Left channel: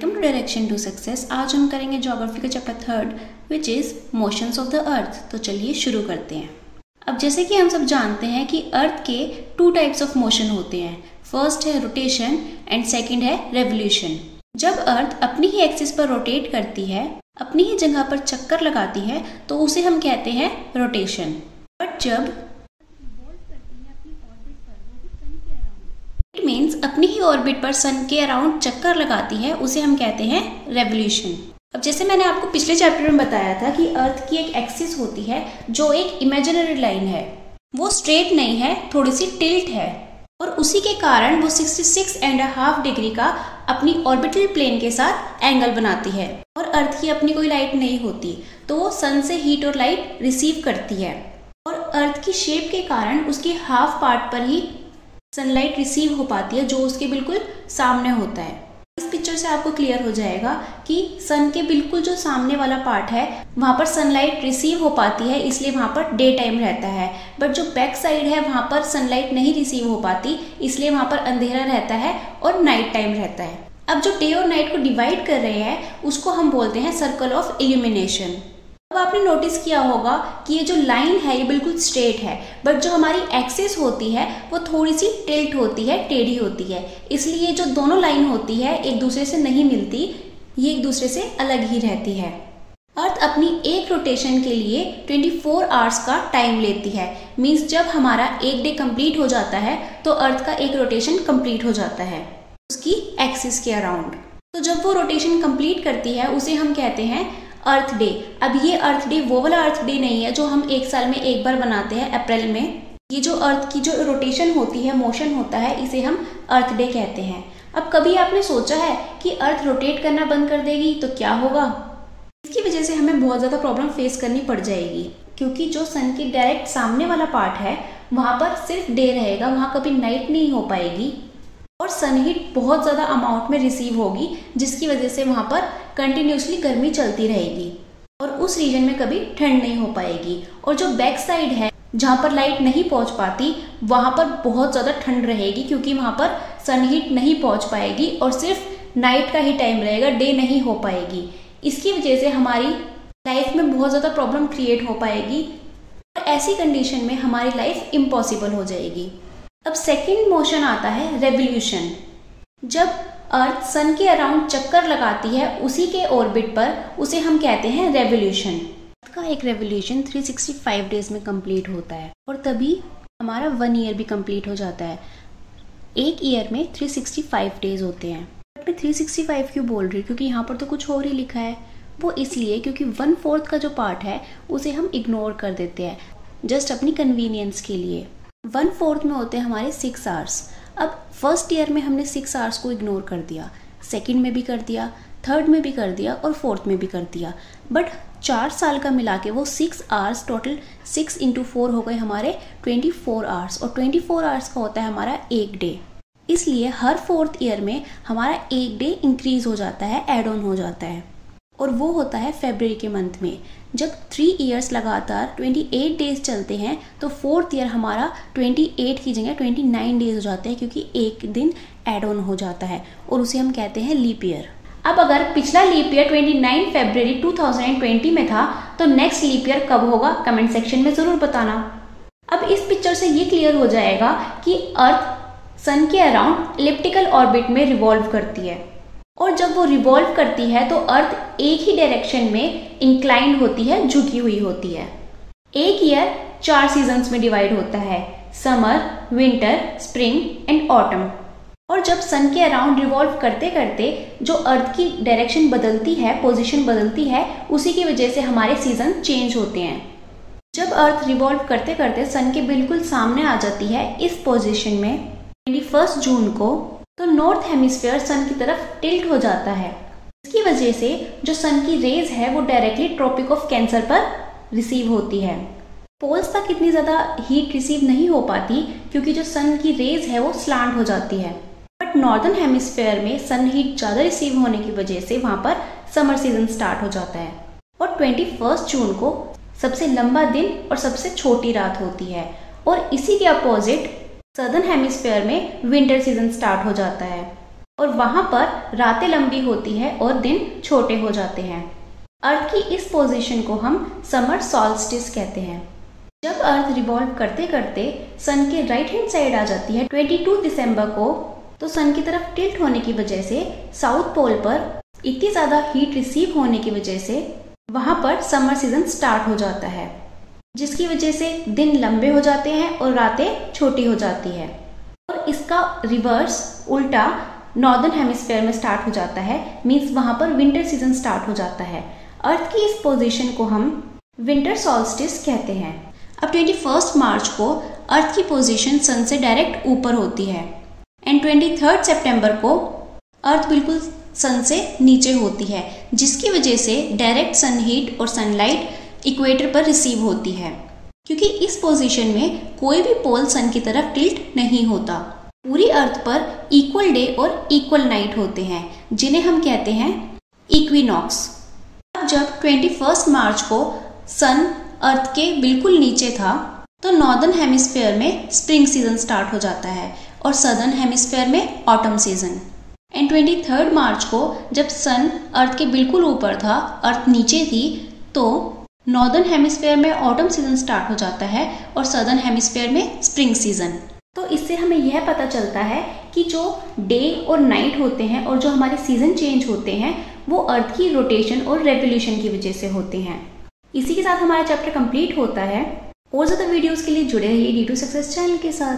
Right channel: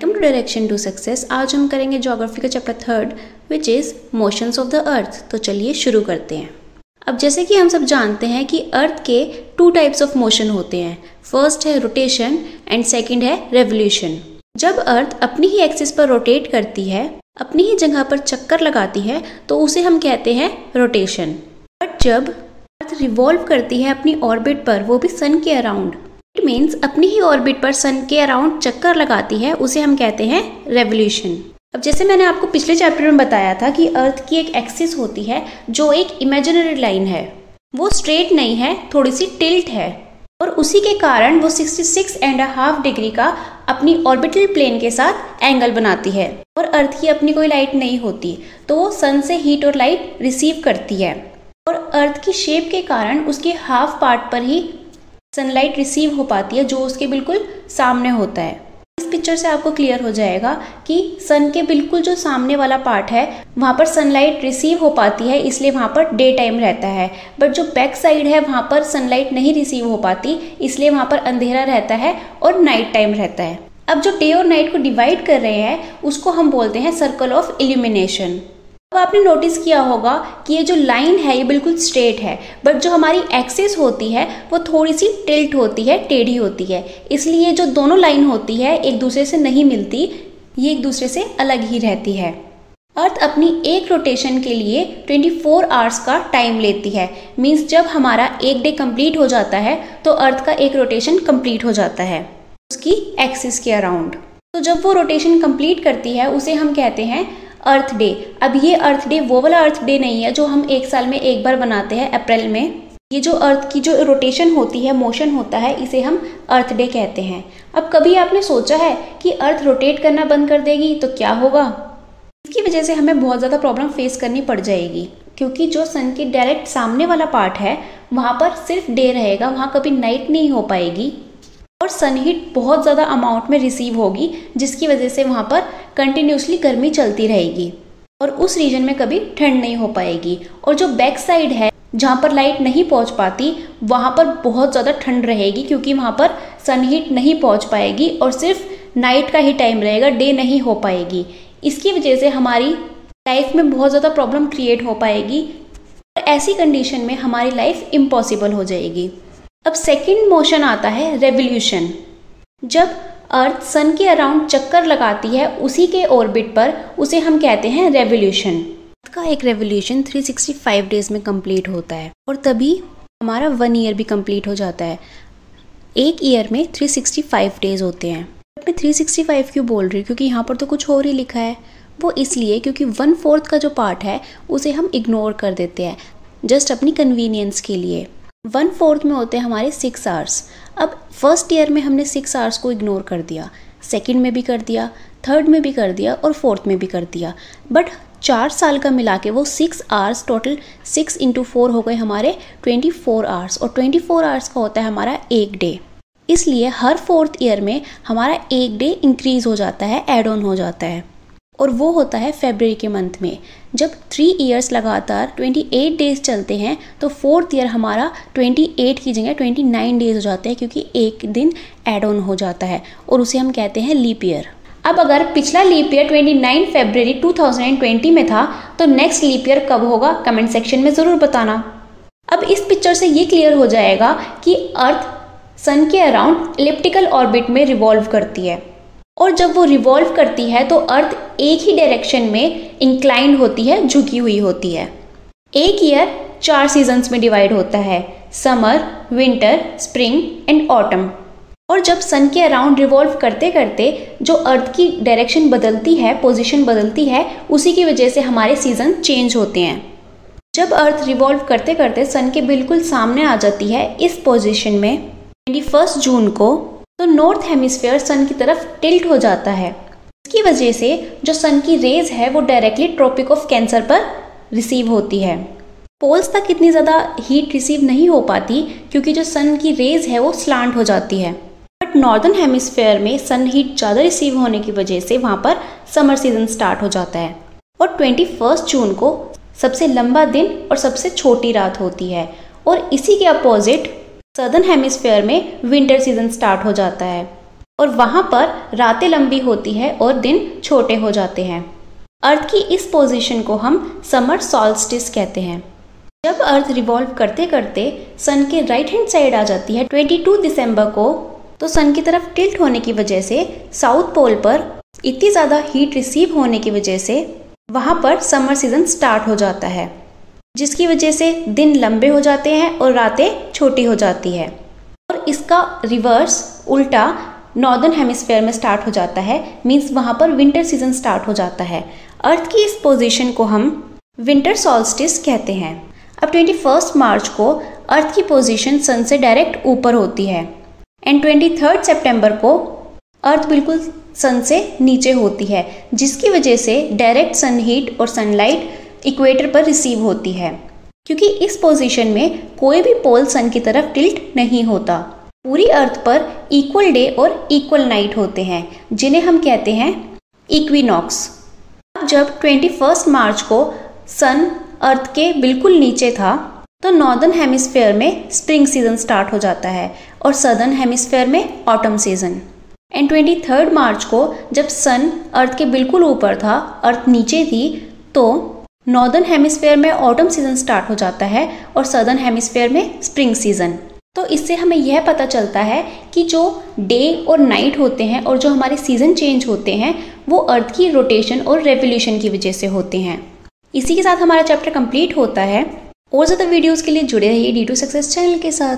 Welcome to direction to success. आज हम करेंगे ज्योग्राफी का chapter 3 which is motions of the earth. तो चलिए शुरू करते हैं। अब जैसे कि हम सब जानते हैं कि अर्थ के 2 टाइप्स ऑफ मोशन होते हैं। फर्स्ट है रोटेशन एंड सेकंड है रेवोल्यूशन। जब अर्थ अपनी ही एक्सिस पर रोटेट करती है, अपनी ही जगह पर चक्कर लगाती है, तो उसे हम कहते हैं रोटेशन। बट जब अर्थ रिवॉल्व करती है अपनी ऑर्बिट पर, वो भी सन के अराउंड, इट मीन्स अपनी ही ऑर्बिट पर सन के अराउंड चक्कर लगाती है, उसे हम कहते हैं रेवोल्यूशन। अब जैसे मैंने आपको पिछले चैप्टर में बताया था कि अर्थ की एक एक्सिस होती है जो एक इमेजिनरी लाइन है, वो स्ट्रेट नहीं है, थोड़ी सी टिल्ट है, और उसी के कारण वो 66.5 डिग्री का अपनी ऑर्बिटल प्लेन के साथ एंगल बनाती है। और अर्थ की अपनी कोई लाइट नहीं होती, तो वो सन से हीट और लाइट रिसीव करती है, और अर्थ की शेप के कारण उसके हाफ पार्ट पर ही सनलाइट रिसीव हो पाती है, जो उसके बिल्कुल सामने होता है। इस पिक्चर से आपको क्लियर हो जाएगा कि सन के बिल्कुल जो सामने वाला पार्ट है, वहां पर सनलाइट रिसीव हो पाती है, इसलिए वहां पर डे टाइम रहता है। बट जो बैक साइड है, वहां पर सनलाइट नहीं रिसीव हो पाती, इसलिए वहां पर अंधेरा रहता है और नाइट टाइम रहता है। अब जो डे और नाइट को डिवाइड कर रहे हैं, उसको हम बोलते हैं सर्कल ऑफ इल्यूमिनेशन। अब आपने नोटिस किया होगा कि ये जो लाइन है ये बिल्कुल स्ट्रेट है, बट जो हमारी एक्सिस होती है वो थोड़ी सी टिल्ट होती है, टेढ़ी होती है। इसलिए जो दोनों लाइन होती है एक दूसरे से नहीं मिलती, ये एक दूसरे से अलग ही रहती है। अर्थ अपनी एक रोटेशन के लिए 24 आवर्स का टाइम लेती है। मीन्स जब हमारा एक डे कंप्लीट हो जाता है, तो अर्थ का एक रोटेशन कंप्लीट हो जाता है उसकी एक्सिस के अराउंड। तो जब वो रोटेशन कंप्लीट करती है, उसे हम कहते हैं अर्थ डे। अब ये अर्थ डे वो वाला अर्थ डे नहीं है जो हम एक साल में एक बार बनाते हैं अप्रैल में। ये जो अर्थ की जो रोटेशन होती है, मोशन होता है, इसे हम अर्थ डे कहते हैं। अब कभी आपने सोचा है कि अर्थ रोटेट करना बंद कर देगी तो क्या होगा? इसकी वजह से हमें बहुत ज़्यादा प्रॉब्लम फेस करनी पड़ जाएगी, क्योंकि जो सन के डायरेक्ट सामने वाला पार्ट है, वहाँ पर सिर्फ डे रहेगा, वहाँ कभी नाइट नहीं हो पाएगी, और सन हीट बहुत ज़्यादा अमाउंट में रिसीव होगी, जिसकी वजह से वहाँ पर कंटिन्यूसली गर्मी चलती रहेगी, और उस रीजन में कभी ठंड नहीं हो पाएगी। और जो बैक साइड है, जहाँ पर लाइट नहीं पहुँच पाती, वहाँ पर बहुत ज़्यादा ठंड रहेगी, क्योंकि वहाँ पर सन हीट नहीं पहुँच पाएगी और सिर्फ नाइट का ही टाइम रहेगा, डे नहीं हो पाएगी। इसकी वजह से हमारी लाइफ में बहुत ज़्यादा प्रॉब्लम क्रिएट हो पाएगी, और ऐसी कंडीशन में हमारी लाइफ इम्पॉसिबल हो जाएगी। अब सेकंड मोशन आता है रेवोल्यूशन। जब अर्थ सन के अराउंड चक्कर लगाती है उसी के ऑर्बिट पर, उसे हम कहते हैं रेवोल्यूशन। अर्थ का एक रेवोल्यूशन 365 डेज में कंप्लीट होता है, और तभी हमारा 1 ईयर भी कंप्लीट हो जाता है। एक ईयर में 365 डेज होते हैं। मैं 365 क्यों बोल रही हूँ? क्योंकि यहाँ पर तो कुछ और ही लिखा है। वो इसलिए क्योंकि 1/4 का जो पार्ट है उसे हम इग्नोर कर देते हैं, जस्ट अपनी कन्वीनियंस के लिए। 1/4 में होते हैं हमारे 6 आवर्स। अब फर्स्ट ईयर में हमने 6 आवर्स को इग्नोर कर दिया, सेकंड में भी कर दिया, थर्ड में भी कर दिया, और फोर्थ में भी कर दिया। बट 4 साल का मिला के वो 6 आवर्स, टोटल 6 × 4 हो गए हमारे 24 आवर्स, और 24 आवर्स का होता है हमारा एक डे। इसलिए हर 4th ईयर में हमारा एक डे इंक्रीज हो जाता है, एड ऑन हो जाता है, और वो होता है फरवरी के मंथ में। जब 3 इयर्स लगातार 28 डेज चलते हैं, तो 4th ईयर हमारा 28 की जगह 29 डेज हो जाते हैं, क्योंकि एक दिन एड ऑन हो जाता है, और उसे हम कहते हैं लीप ईयर। अब अगर पिछला लीप ईयर 29 फरवरी 2020 में था, तो नेक्स्ट लीप ईयर कब होगा? कमेंट सेक्शन में ज़रूर बताना। अब इस पिक्चर से ये क्लियर हो जाएगा कि अर्थ सन के अराउंड इलिप्टिकल ऑर्बिट में रिवॉल्व करती है, और जब वो रिवॉल्व करती है तो अर्थ एक ही डायरेक्शन में इंक्लाइंड होती है, झुकी हुई होती है। एक ईयर 4 सीजन्स में डिवाइड होता है, summer, winter, spring and autumn. और जब सन के अराउंड रिवॉल्व करते करते जो अर्थ की डायरेक्शन बदलती है, पोजीशन बदलती है, उसी की वजह से हमारे सीजन चेंज होते हैं। जब अर्थ रिवॉल्व करते करते सन के बिल्कुल सामने आ जाती है इस पोजीशन में 21 जून को, तो नॉर्थ हेमिस्फीयर सन की तरफ टिल्ट हो जाता है। इसकी वजह से जो सन की रेज है वो डायरेक्टली ट्रॉपिक ऑफ कैंसर पर रिसीव होती है। पोल्स तक इतनी ज़्यादा हीट रिसीव नहीं हो पाती, क्योंकि जो सन की रेज है वो स्लांट हो जाती है। बट नॉर्दर्न हेमिस्फीयर में सन हीट ज़्यादा रिसीव होने की वजह से वहाँ पर समर सीजन स्टार्ट हो जाता है, और 21 जून को सबसे लंबा दिन और सबसे छोटी रात होती है। और इसी के अपोजिट सदर्न हेमिस्फीयर में विंटर सीजन स्टार्ट हो जाता है, और वहां पर रातें लंबी होती है और दिन छोटे हो जाते हैं। अर्थ की इस पोजीशन को हम समर सॉल्स्टिस कहते हैं। जब अर्थ रिवॉल्व करते करते सन के राइट हैंड साइड आ जाती है 22 दिसंबर को, तो सन की तरफ टिल्ट होने की वजह से साउथ पोल पर इतनी ज़्यादा हीट रिसीव होने की वजह से वहाँ पर समर सीजन स्टार्ट हो जाता है, जिसकी वजह से दिन लंबे हो जाते हैं और रातें छोटी हो जाती है। और इसका रिवर्स उल्टा नॉर्दर्न हेमिस्फेयर में स्टार्ट हो जाता है, मीन्स वहाँ पर विंटर सीजन स्टार्ट हो जाता है। अर्थ की इस पोजीशन को हम विंटर सॉल्स्टिस कहते हैं। अब 21 मार्च को अर्थ की पोजीशन सन से डायरेक्ट ऊपर होती है एंड 23 सितंबर को अर्थ बिल्कुल सन से नीचे होती है, जिसकी वजह से डायरेक्ट सन हीट और सनलाइट इक्वेटर पर रिसीव होती है, क्योंकि इस पोजीशन में कोई भी पोल सन की तरफ टिल्ट नहीं होता। पूरी अर्थ पर इक्वल डे और इक्वल नाइट होते हैं, जिन्हें हम कहते हैं इक्विनॉक्स। अब जब 21 मार्च को सन अर्थ के बिल्कुल नीचे था, तो नॉर्दर्न हेमिस्फेयर में स्प्रिंग सीजन स्टार्ट हो जाता है और सदर्न हेमिस्फेयर में ऑटम सीजन। एंड 23 मार्च को जब सन अर्थ के बिल्कुल ऊपर था, अर्थ नीचे थी, तो नॉर्दर्न हेमिस्फेयर में ऑटम सीजन स्टार्ट हो जाता है और सदर्न हेमिस्फेयर में स्प्रिंग सीजन। तो इससे हमें यह पता चलता है कि जो डे और नाइट होते हैं और जो हमारे सीजन चेंज होते हैं वो अर्थ की रोटेशन और रेवोल्यूशन की वजह से होते हैं। इसी के साथ हमारा चैप्टर कंप्लीट होता है। और ज़्यादा वीडियोस के लिए जुड़े रहिए D2 सक्सेस चैनल के साथ।